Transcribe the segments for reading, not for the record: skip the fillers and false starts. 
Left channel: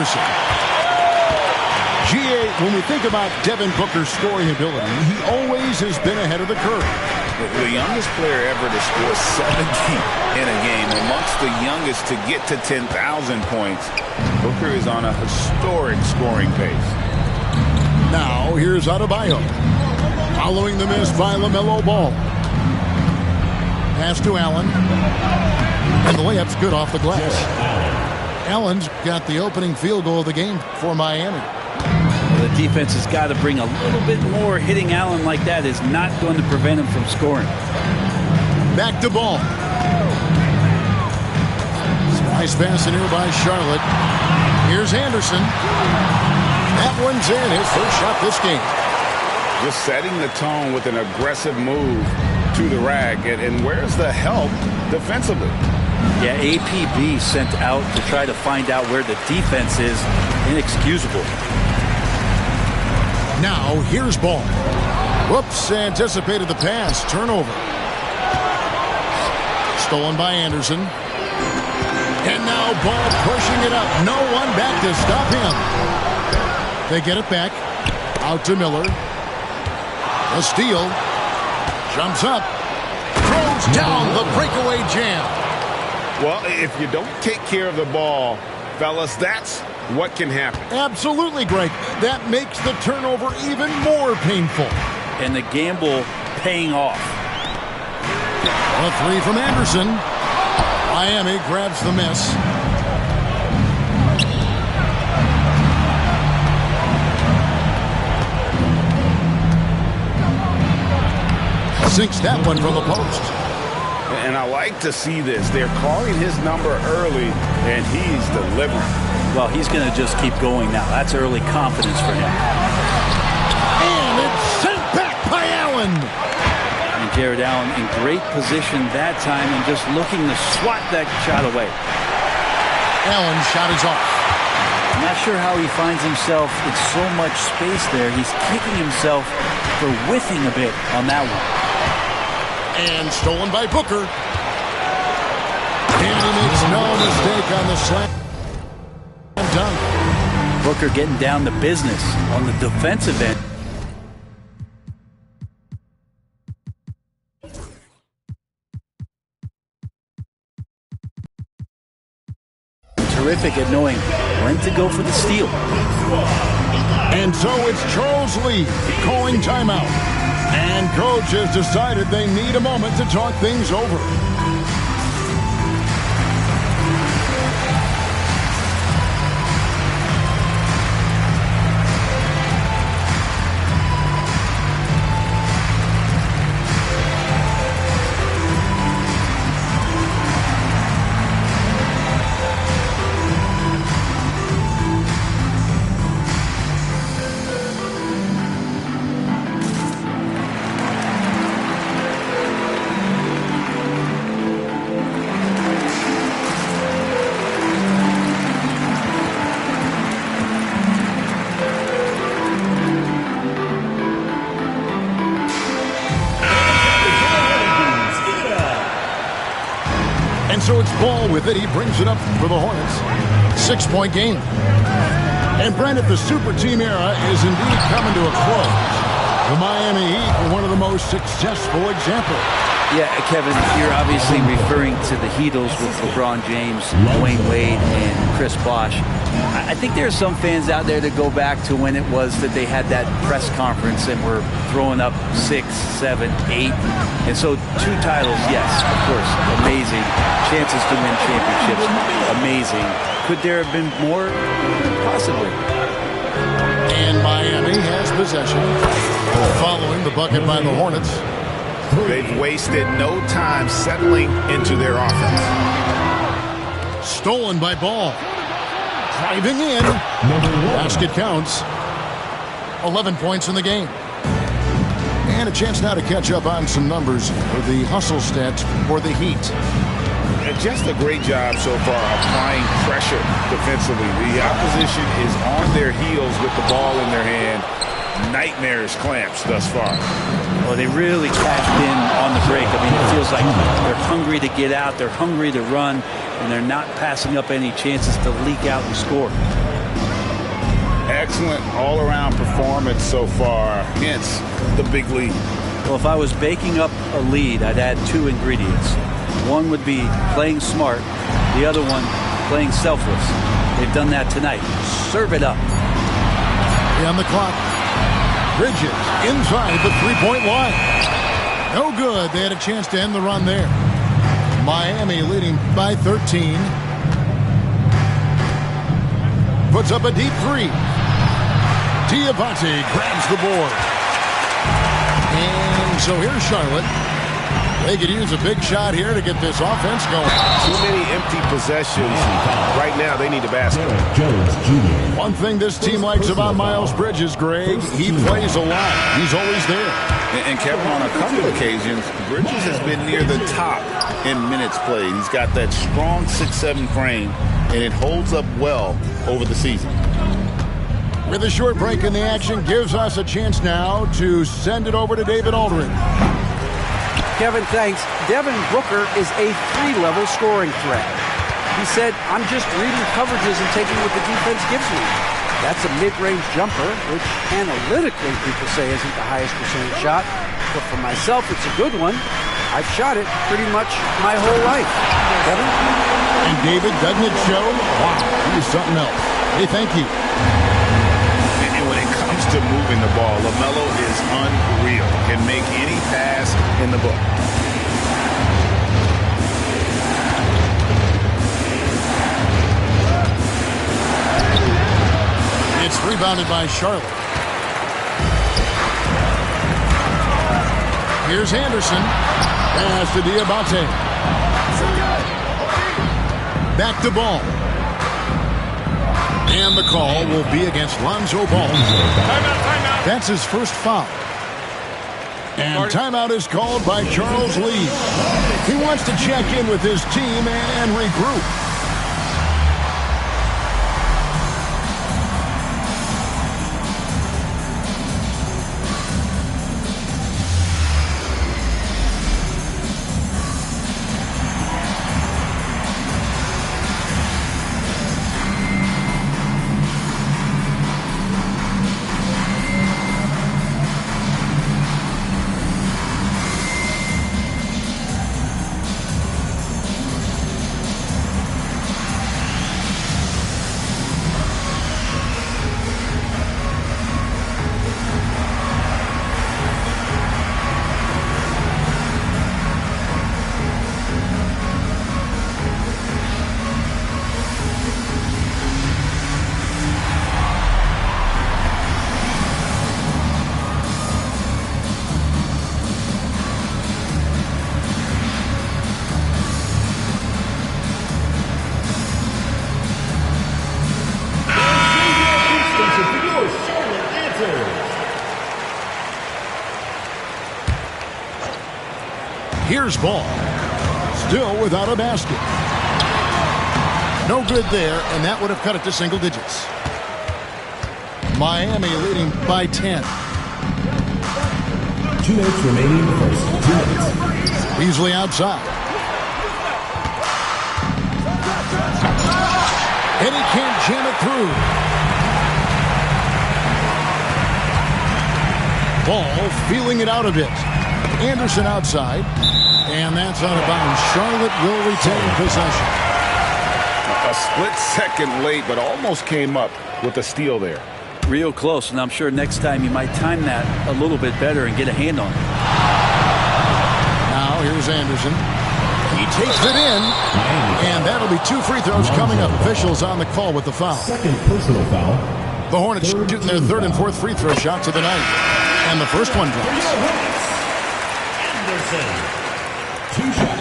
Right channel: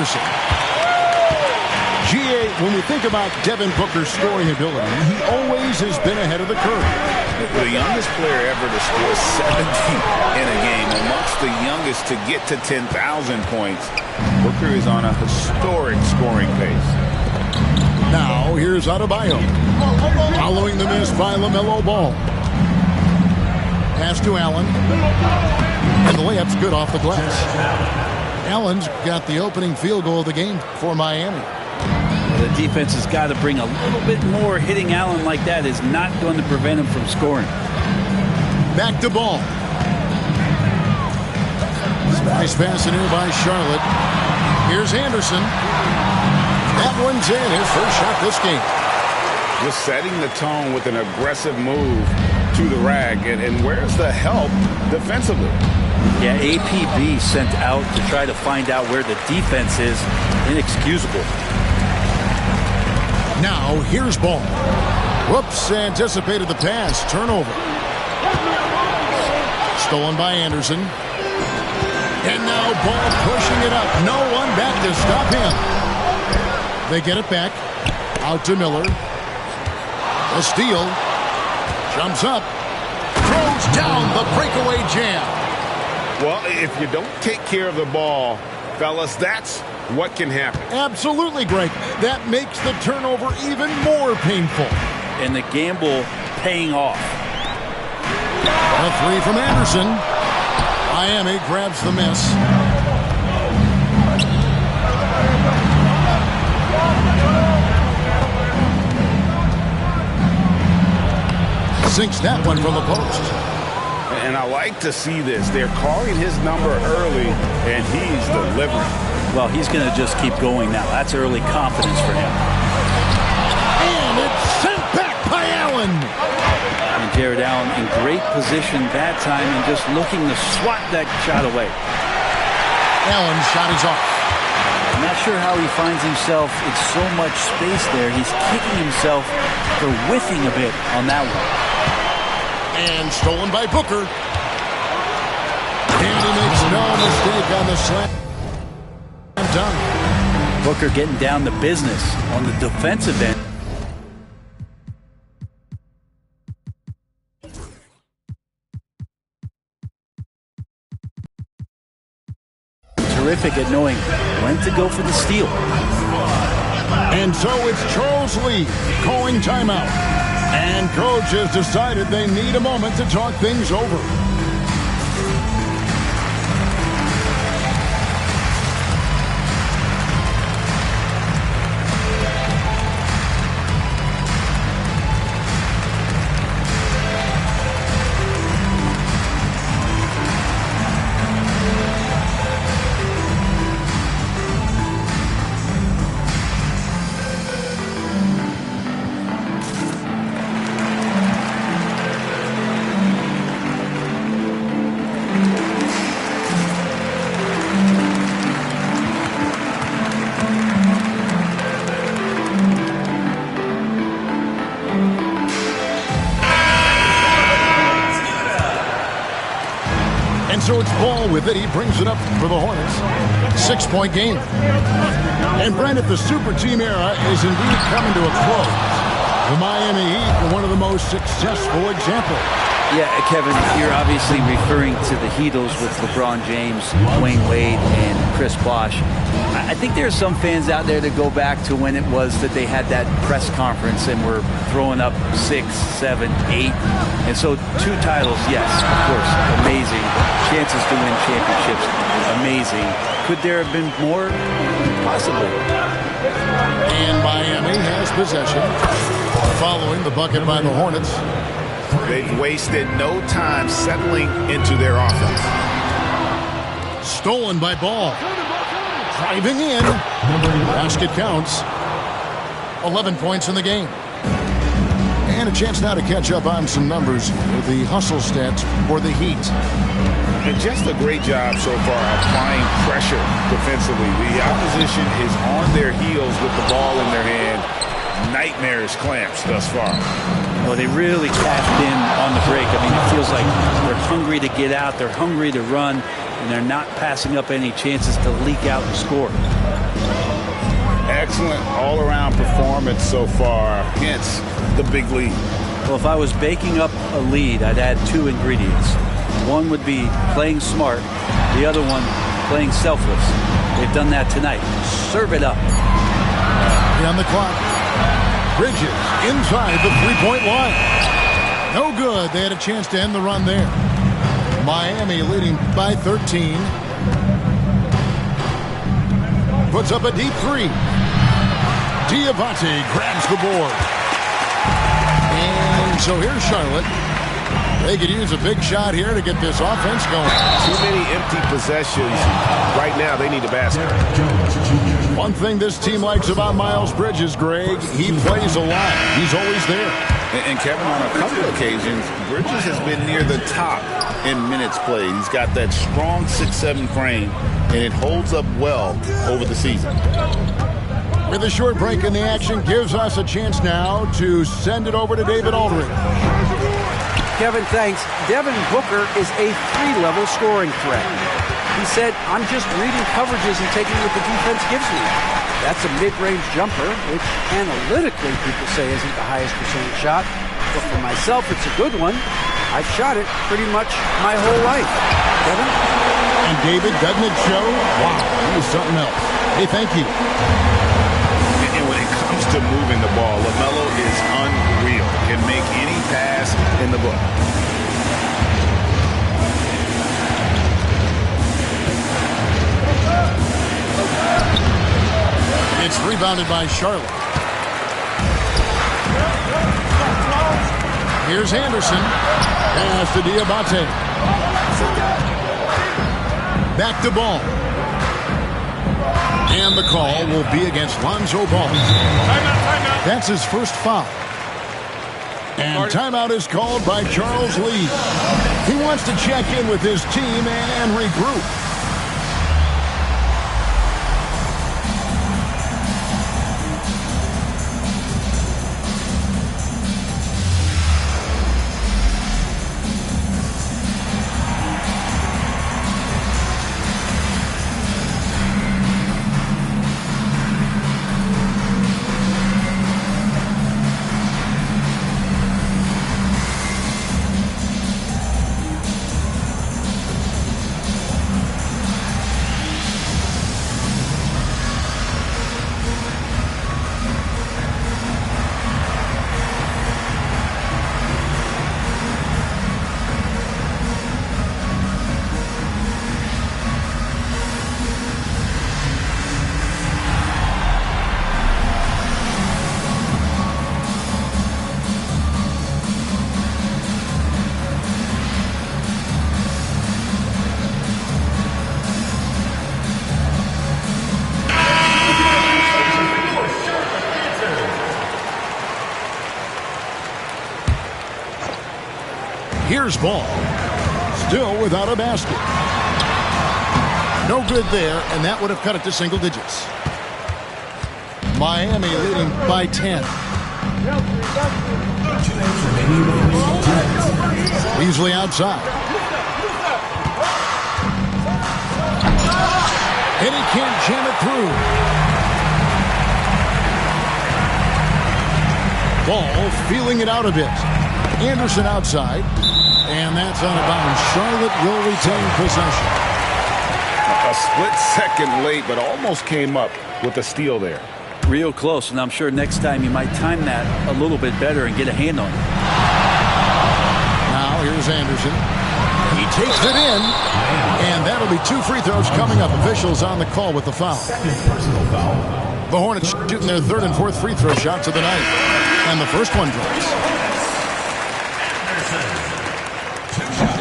Anderson. GA, when we think about Devin Booker's scoring ability, he always has been ahead of the curve. The youngest player ever to score 70 in a game, amongst the youngest to get to 10,000 points. Booker is on a historic scoring pace. Now, here's Adebayo. Following the miss by LaMelo Ball. Pass to Allen. And the layup's good off the glass. Allen's got the opening field goal of the game for Miami. The defense has got to bring a little bit more. Hitting Allen like that is not going to prevent him from scoring. Back to Ball. Nice pass in here by Charlotte. Here's Anderson. That one's in, his first shot this game. Just setting the tone with an aggressive move to the rag. And where's the help defensively? Yeah, APB sent out to try to find out where the defense is. Inexcusable. Now, here's Ball. Whoops, anticipated the pass. Turnover. Stolen by Anderson. And now Ball pushing it up. No one back to stop him. They get it back. Out to Miller. The steal. Jumps up. Throws down the breakaway jam. Well, if you don't take care of the ball, fellas, that's what can happen. Absolutely, Greg. That makes the turnover even more painful. And the gamble paying off. A three from Anderson. Miami grabs the miss. Sinks that one from the post. And I like to see this. They're calling his number early, and he's delivering. Well, he's going to just keep going now. That's early confidence for him. And it's sent back by Allen. And Jared Allen in great position that time and just looking to swat that shot away. Allen's shot is off. I'm not sure how he finds himself in so much space there. He's kicking himself for whiffing a bit on that one. And stolen by Booker. And he makes no mistake on the slam dunk. Booker getting down to business on the defensive end. Terrific at knowing when to go for the steal. And so it's Charles Lee calling timeout. And coach has decided they need a moment to talk things over. And so it's Ball with it. He brings it up for the Hornets. 6-point game. And Brent, if the super team era is indeed coming to a close, the Miami Heat were one of the most successful examples. Yeah, Kevin, you're obviously referring to the Heatles with LeBron James, Dwayne Wade, and Chris Bosh. I think there are some fans out there that go back to when it was that they had that press conference and were throwing up 6, 7, 8. And so 2 titles, yes, of course, amazing. Chances to win championships, amazing. Could there have been more? Possibly. And Miami has possession following the bucket by the Hornets. They've wasted no time settling into their offense. Stolen by Ball. Driving in. Basket counts. 11 points in the game. And a chance now to catch up on some numbers here. The hustle stats for the Heat. And just a great job so far applying pressure defensively. The opposition is on their heels with the ball in their hand. Nightmarish clamps thus far. Well, they really cashed in on the break. I mean, it feels like they're hungry to get out. They're hungry to run, and they're not passing up any chances to leak out and score. Excellent all-around performance so far, hence the big lead. Well, if I was baking up a lead, I'd add 2 ingredients. One would be playing smart, the other one playing selfless. They've done that tonight. Serve it up. On the clock. Bridges inside the three-point line. No good. They had a chance to end the run there. Miami leading by 13. Puts up a deep 3. Diabate grabs the board. And so here's Charlotte. They could use a big shot here to get this offense going. Too many empty possessions. Right now, they need a basket. One thing this team likes about Miles Bridges, Greg, he plays a lot. He's always there. And Kevin, on a couple of occasions, Bridges has been near the top in minutes played. He's got that strong 6'7" frame, and it holds up well over the season. With a short break in the action, gives us a chance now to send it over to David Aldridge. Kevin, thanks. Devin Booker is a 3-level scoring threat. He said, I'm just reading coverages and taking what the defense gives me. That's a mid-range jumper, which analytically people say isn't the highest percentage shot. But for myself, it's a good one. I've shot it pretty much my whole life. Kevin? And David, doesn't it show? Wow, he is something else. Hey, thank you. And when it comes to moving the ball, LaMelo is unreal. Can make any pass in the book. It's rebounded by Charlotte. Here's Anderson. Pass to Diabate. Back to Ball. And the call will be against Lonzo Ball. Timeout. That's his first foul. And timeout is called by Charles Lee. He wants to check in with his team and regroup. Here's Ball. Still without a basket. No good there, and that would have cut it to single digits. Miami leading by 10. 2 minutes remaining. 2 minutes. Beasley outside. And he can't jam it through. Ball feeling it out a bit. Anderson outside. And that's out of bounds. Charlotte will retain possession. A split second late, but almost came up with a steal there. Real close, and I'm sure next time you might time that a little bit better and get a hand on it. Now here's Anderson. He takes it in, and that'll be 2 free throws coming up. Officials on the call with the foul. Second personal foul. The Hornets shooting their 3rd and 4th free throw shots of the night. And the first one drops.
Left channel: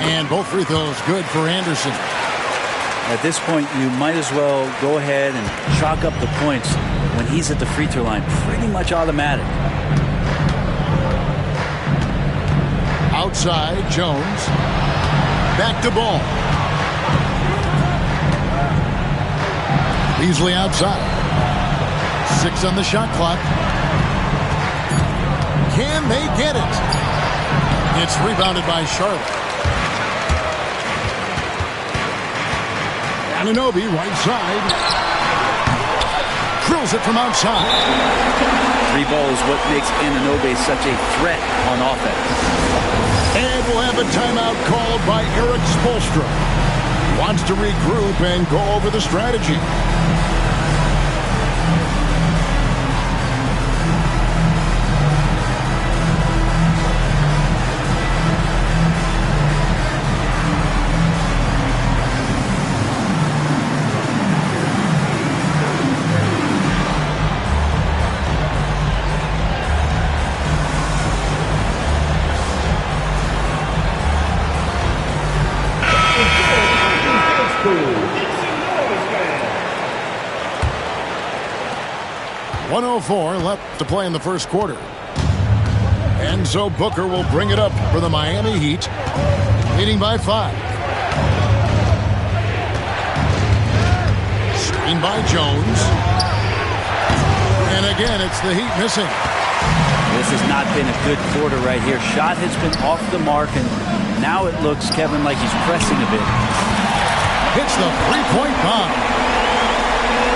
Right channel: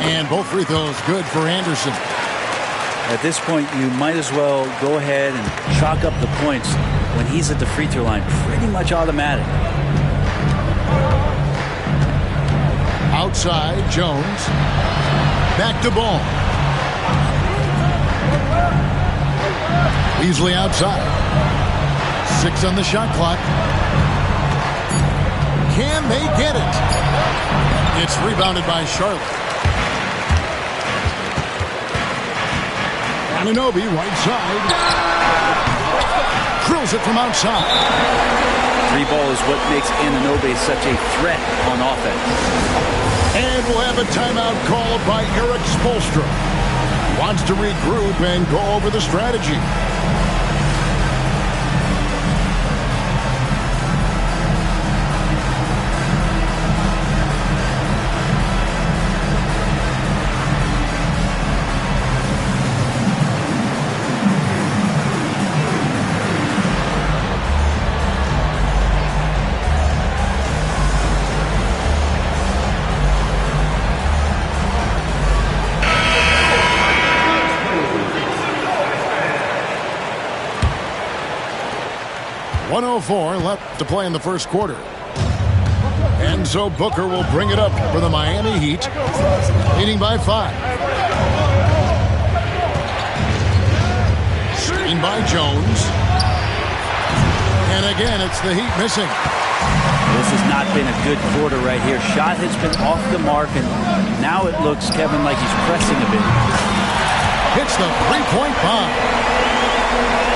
And both free throws good for Anderson. At this point, you might as well go ahead and chalk up the points when he's at the free throw line. Pretty much automatic. Outside, Jones. Back to Ball. Beasley outside. 6 on the shot clock. Can they get it? It's rebounded by Charlotte. Anunoby right side. Drills it from outside. Three ball is what makes Anunoby such a threat on offense. And we'll have a timeout called by Erik Spoelstra. Wants to regroup and go over the strategy. .104 left to play in the first quarter. And so Booker will bring it up for the Miami Heat, leading by 5. Screen by Jones. And again, it's the Heat missing. This has not been a good quarter right here. Shot has been off the mark, and now it looks, Kevin, like he's pressing a bit. Hits the three-point bomb.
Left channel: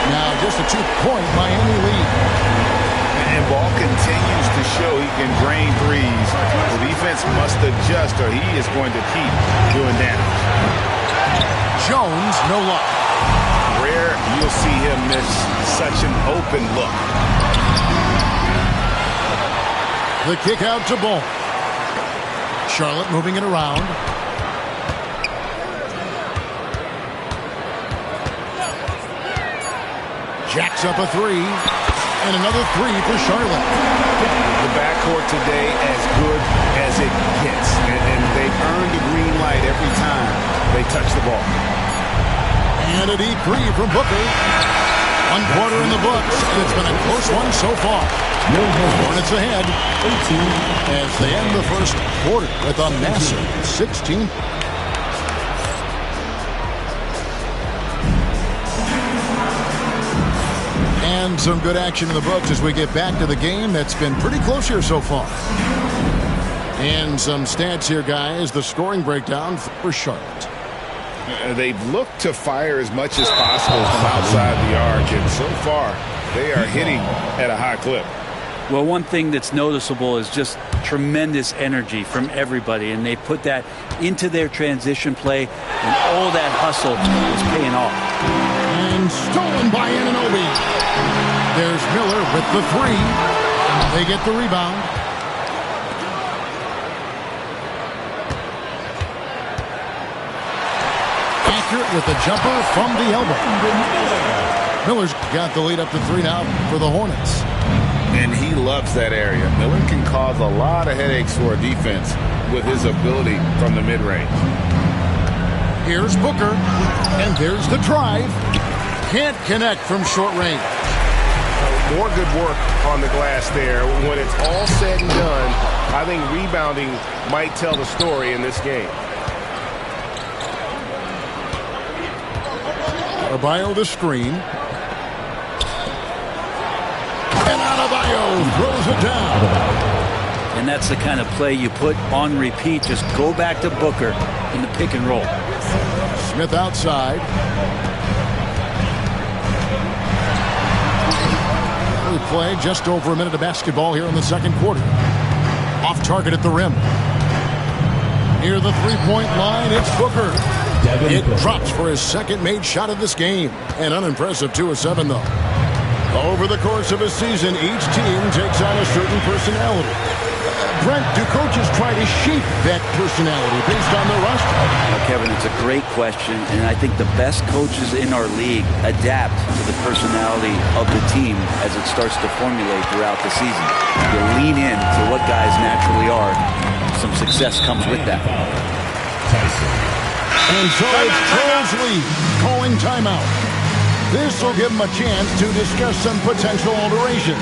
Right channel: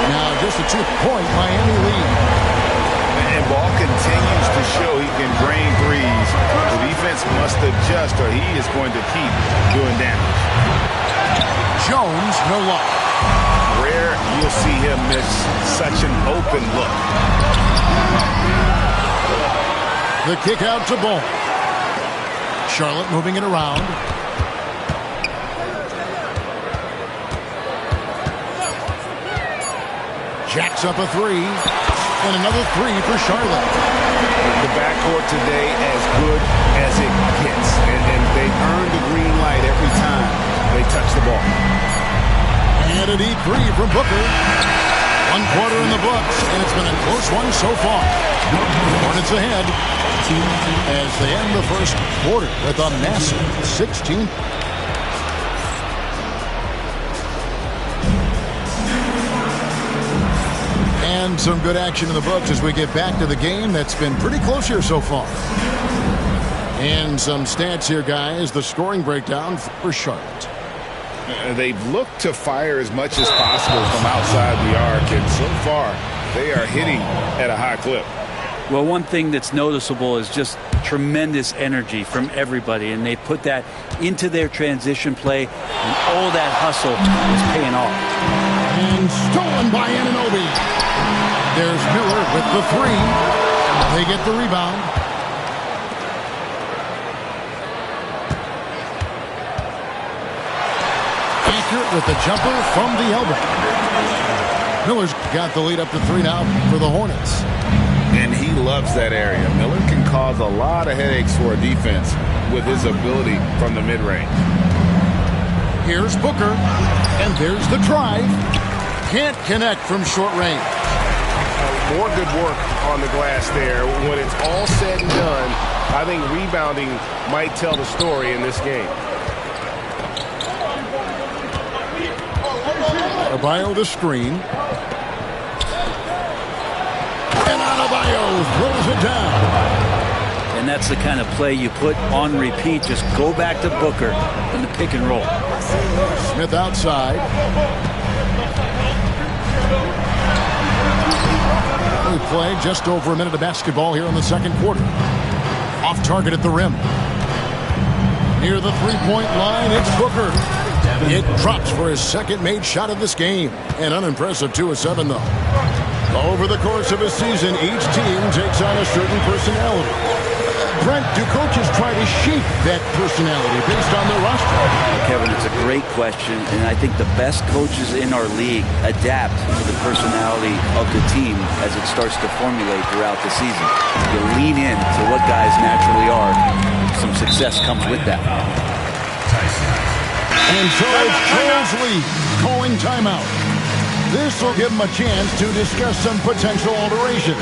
Now just a 2-point Miami lead. And Ball continues to show he can drain threes. The defense must adjust or he is going to keep doing damage. Jones, no luck. Rare you'll see him miss such an open look. The kick out to Ball. Charlotte moving it around. Jacks up a three, and another three for Charlotte. The backcourt today as good as it gets, and they've earned the green light every time they touch the ball. And a deep three from Booker. 1 quarter in the books, and it's been a close one so far. Hornets ahead as they end the first quarter with a massive 16. And some good action in the books as we get back to the game that's been pretty close here so far. And some stats here, guys. The scoring breakdown for Charlotte. They've looked to fire as much as possible from outside the arc, and so far they are hitting at a high clip. Well, one thing that's noticeable is just tremendous energy from everybody, and they put that into their transition play, and all that hustle is paying off. And stolen by Anunoby. There's Miller with the three. They get the rebound. Accurate with the jumper from the elbow. Miller's got the lead up to 3 now for the Hornets. And he loves that area. Miller can cause a lot of headaches for a defense with his ability from the mid-range. Here's Booker, and there's the drive. Can't connect from short range. More good work on the glass there. When it's all said and done, I think rebounding might tell the story in this game. Adebayo the screen. And Adebayo throws it down. And that's the kind of play you put on repeat. Just go back to Booker in the pick and roll. Smith outside. We play just over a minute of basketball here in the second quarter. Off target at the rim. Near the three-point line, it's Booker. It drops for his second made shot of this game. An unimpressive 2 of 7, though. Over the course of a season, each team takes on a certain personality. Brent, do coaches try to shape that personality based on their roster? Well, Kevin, it's a great question, and I think the best coaches in our league adapt to the personality of the team as it starts to formulate throughout the season. You lean in to what guys naturally are. Some success comes with that. And so it's Charles Lee calling timeout. This will give him a chance to discuss some potential alterations.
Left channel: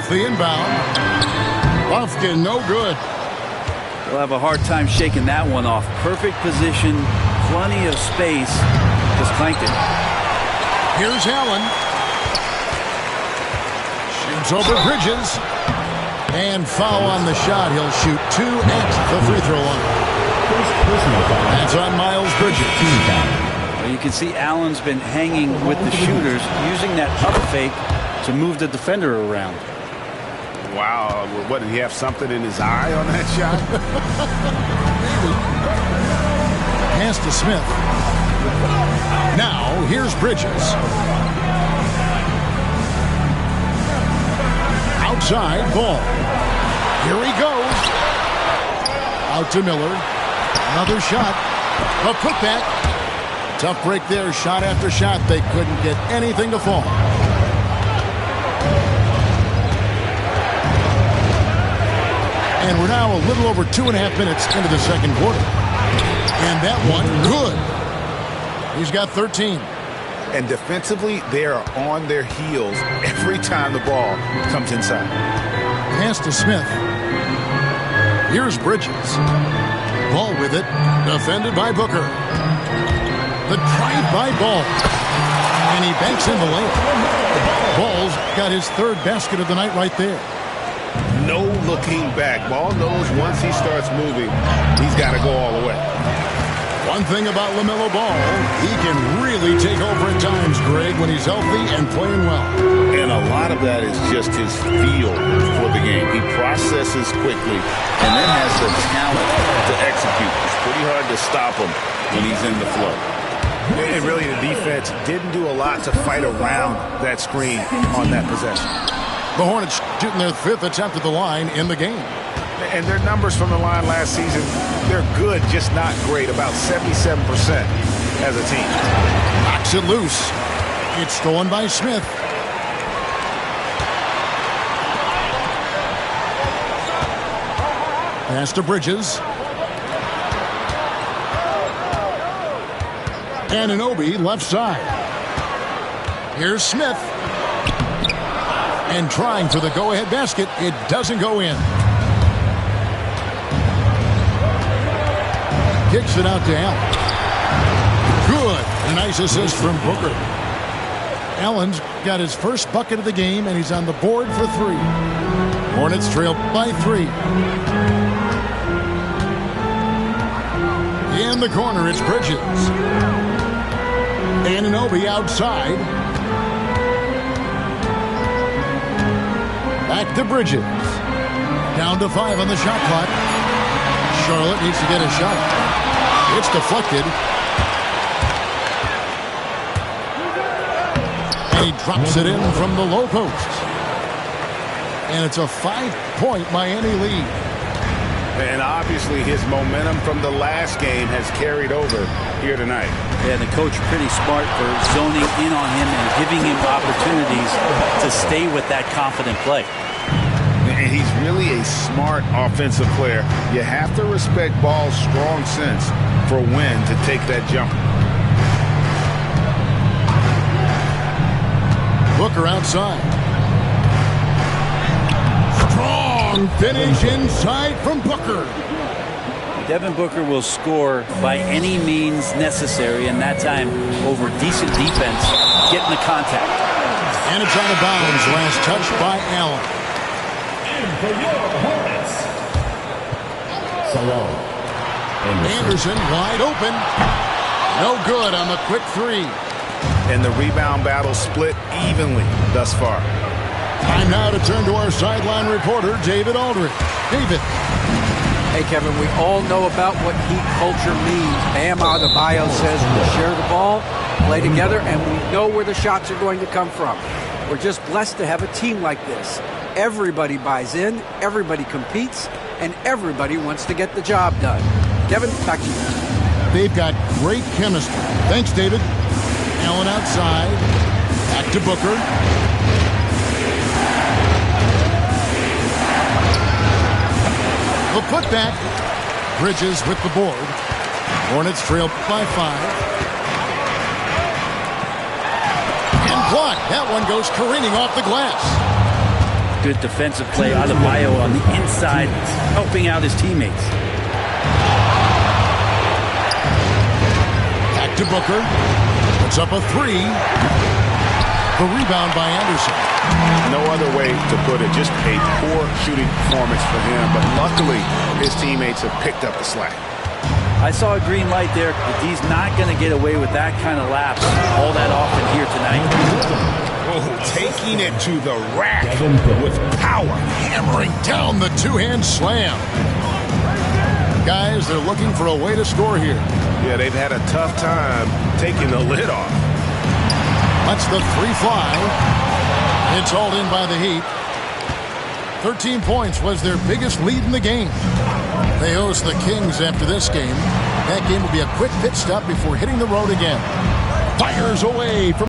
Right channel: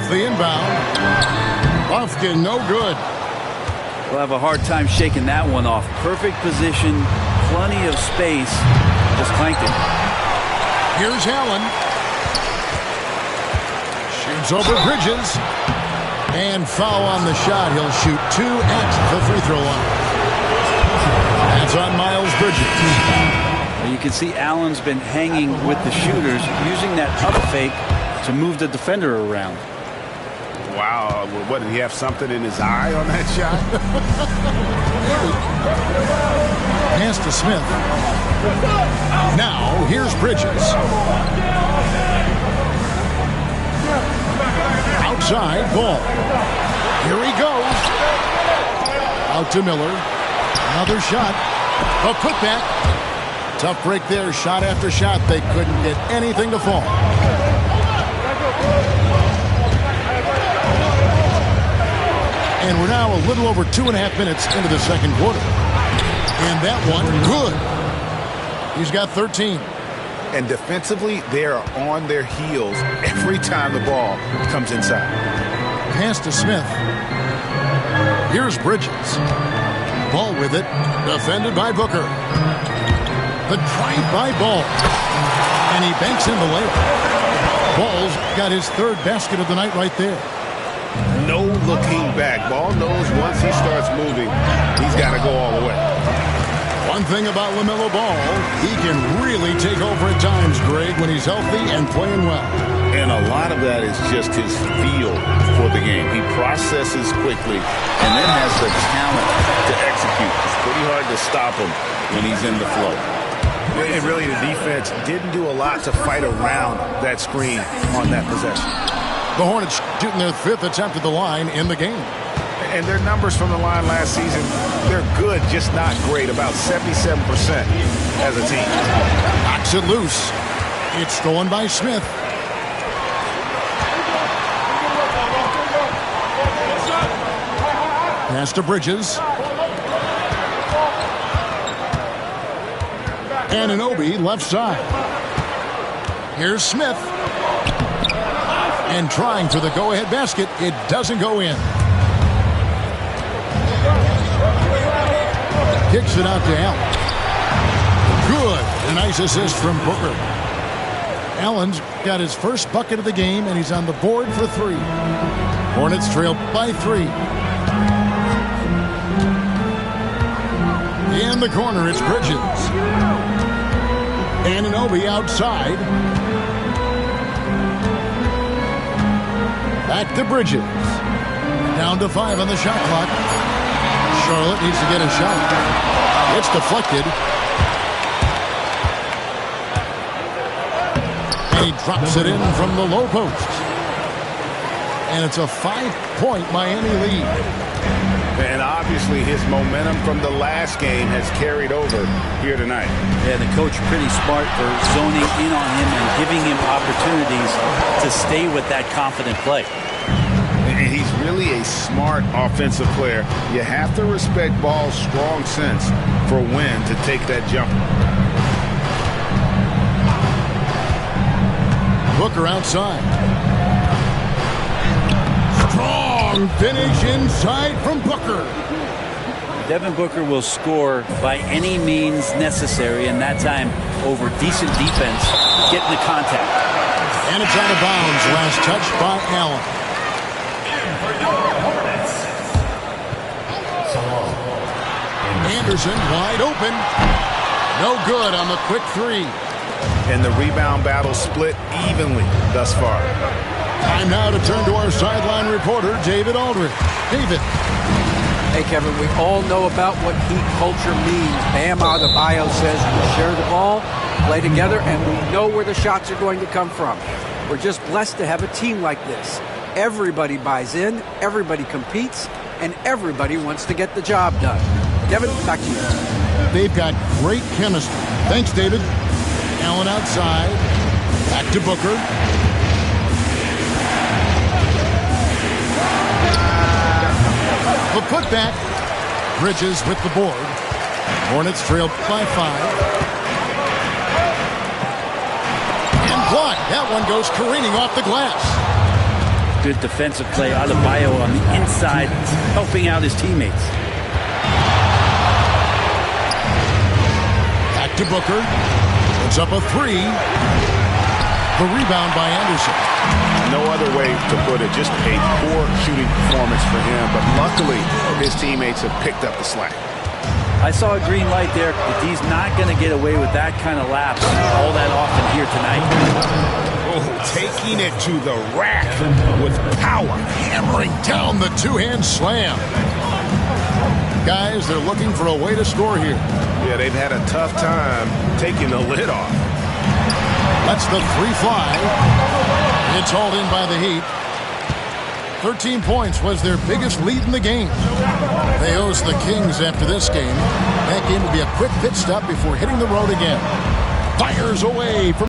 Off the inbound. Lufkin, no good. We'll have a hard time shaking that one off. Perfect position, plenty of space. Just clanked it. Here's Allen. Shoots over Bridges. And foul on the shot. He'll shoot 2 at the free throw line. That's on Miles Bridges. Well, you can see Allen's been hanging with the shooters, using that up fake to move the defender around. Wow. What, did he have something in his eye on that shot? Pass to Smith. Now, here's Bridges. Outside, Ball. Here he goes. Out to Miller. Another shot. A putback. Tough break there. Shot after shot. They couldn't get anything to fall. And we're now a little over 2.5 minutes into the second quarter. And that one, good. He's got 13. And defensively, they are on their heels every time the ball comes inside. Pass to Smith. Here's Bridges. Ball with it. Defended by Booker. The drive by Ball. And he banks in the layup. Ball's got his third basket of the night right there. No looking back. Ball knows once he starts moving, he's got to go all the way. One thing about LaMelo Ball, he can really take over at times, Greg, when he's healthy and playing well. And a lot of that is just his feel for the game. He processes quickly and then has the talent to execute. It's pretty hard to stop him when he's in the flow. And really, the defense didn't do a lot to fight around that screen on that possession. The Hornets shooting their 5th attempt at the line in the game. And their numbers from the line last season, they're good, just not great. About 77% as a team. Knocks it loose. It's stolen by Smith. Pass to Bridges. Anunoby left side. Here's Smith. And trying for the go-ahead basket. It doesn't go in. Kicks it out to Allen. Good. A nice assist from Booker. Allen's got his first bucket of the game, and he's on the board for 3. Hornets trail by 3. In the corner, it's Bridges. Anunoby outside. Back to Bridges. Down to 5 on the shot clock. Charlotte needs to get a shot. It's deflected. And he drops it in from the low post. And it's a 5-point Miami lead. And obviously his momentum from the last game has carried over here tonight. Yeah, the coach pretty smart for zoning in on him and giving him opportunities to stay with that confident play. And he's really a smart offensive player. You have to respect Ball's strong sense for when to take that jumper. Booker outside. Strong finish inside from Booker. Devin Booker will score by any means necessary, and that time over decent defense, getting the contact. And it's out of bounds. Last touch by Allen. For your Hornets, Salon. Anderson wide open. No good on the quick 3. And the rebound battle split evenly thus far. Time now to turn to our sideline reporter, David Aldridge. David. Hey, Kevin, we all know about what Heat culture means. Bam Adebayo says we share the ball, play together, and we know where the shots are going to come from. We're just blessed to have a team like this. Everybody buys in, everybody competes, and everybody wants to get the job done. Kevin, back to you. They've got great chemistry. Thanks, David. Allen outside. Back to Booker. The putback. Bridges with the board. Hornets trail by 5. And blocked. That one goes careening off the glass. Good defensive play. Adebayo on the inside, helping out his teammates. Back to Booker. Puts up a three. The rebound by Anderson. No other way to put it. Just a poor shooting performance for him. But luckily, his teammates have picked up the slack. I saw a green light there. But he's not going to get away with that kind of lapse all that often here tonight. Oh, taking it to the rack with power. Hammering down the two-hand slam. Guys, they're looking for a way to score here. Yeah, they've had a tough time taking the lid off. Lets the three fly. It's hauled in by the Heat. 13 points was their biggest lead in the game. They host the Kings after this game. That game will be a quick pit stop before hitting the road again. Fires away from